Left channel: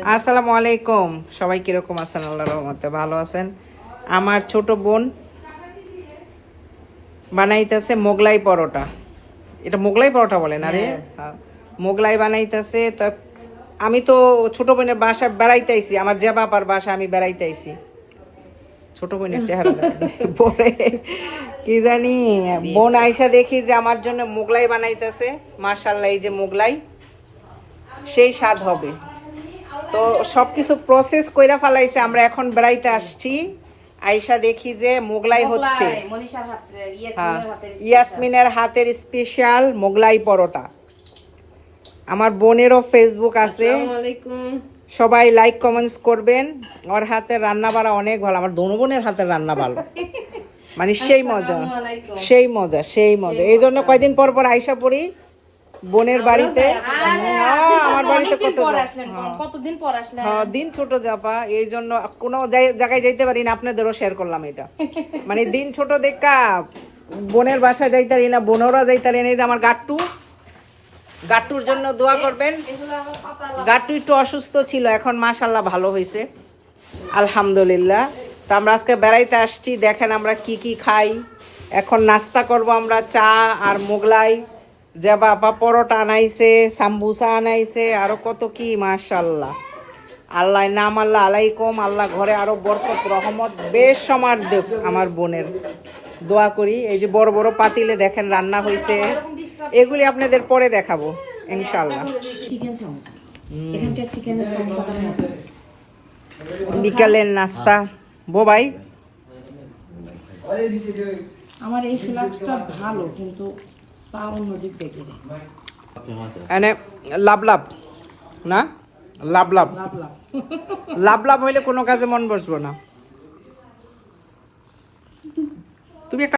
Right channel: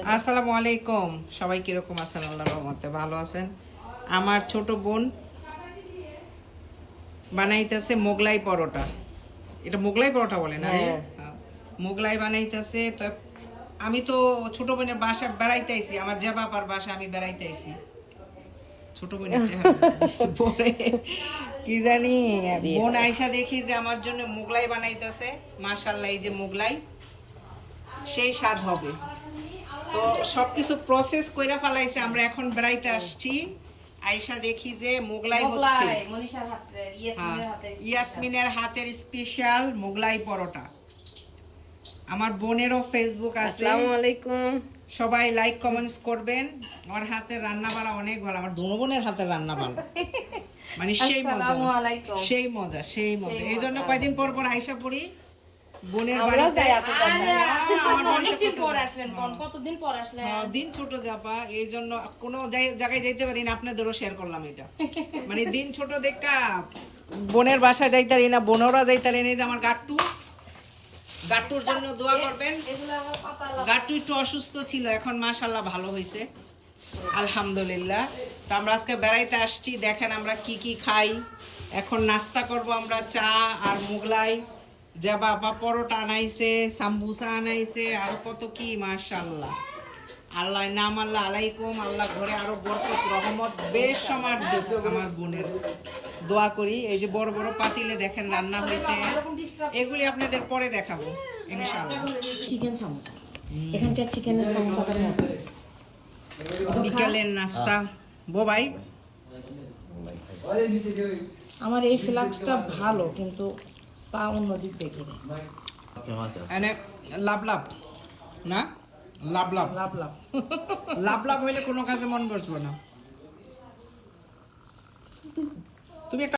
আসসালামু আলাইকুম, সবাই কিরকম আছেন? আল্লাহর রহমতে ভালো আছেন। আমার ছোট বোন বানাইতেছে মোগলাই পরোটা। এটা মোগলাই পরোটা বলে না রে? হ্যাঁ, মোগলাই বানাইতেছে। তো আমি তো ছোট বোনের বাসা বেড়াইতে আইছি, আমার যে বাবার বাসা আমি বেড়াইতে আইছি। ছোট বোনের চেহারা পরে কি জানি বোন আইসা দেখি যে আমার জন্য মোগলাই বানাইতেছে। মাশাআল্লাহ, এই যে মোগলাই সেই স্বাদ হবে। তো সবকিছু প্রসেস কইরা ফেলাইছে। আমরা এখন বেড়াইতে আসছি, আইসা দেখি যে মোগলাই হচ্ছে। ইয়াসমিনের হাতের স্পেশাল মোগলাই পরোটা। আমার বোনেরও ফেসবুক আছে, সবাই লাইক কমেন্টস করবেন। ওর হাতের রান্না বাড়া অনেক ভালো, আমার দোনো বোনের হাতের রান্না ভালো, মানে সেই মজা সেই মজা সেই মজা। এই জন্য কয়দিন পর পর আইসা পড়ি বোনের বাড়িতে। আমার বাড়িতে কতদিন পর আসলেন? হ্যাঁ, দিন ছোট জাপা, এই জন্য কোনো জায়গায় যাইতে পারি না। আপনাদেরও শেয়ার করলাম এটা, মানে দিন ছোট দেখা বোনের বাসায় যাইতে পারি না, বোনেরা যাইতে পারি না। এই যে আমার গাট্টুর জন্য দোয়া করবেন। গাট্টু একটু অসুস্থ ছিল, এখন মাশাআল্লাহ ভালো হয়েছে, আলহামদুলিল্লাহ। তো আমরা আজকে বেড়াইতে আসছি, দেখেন আমরা কি কি খাই। এখন নাস্তা করব আমরা, চা আর মোগলাই। যে বাবা পরোটা আনাইছে, সাম্বুসা আনাইছে, আরো কত কি, মাশাআল্লাহ। আল্লাহ নাম আল্লাহ আলাইকুম, আল্লাহ ঘরে আরো বরকত রহমত বেশ সমার দেব। আমার বোনের দোয়া করি। এই যে বড় বড় পাতিলে দেখেন রান্না হয়েছে, এগুলি আপনাদের পরে দেখাবো ইনশাআল্লাহ। চিকেন সামোসা, এখানকার চিকেনের সামোসাটা মজা। বিকালের নাস্তা বোবাই। আমার এই ফ্লাক্সটা ভালো, কিন্তু চা অন্যদিক দেখে এনে লাভ লাভ না, লাভ লাভ লাভ লাভ লাভ লাভ হইলে কোনো কাজে মন বসবো না। তুমি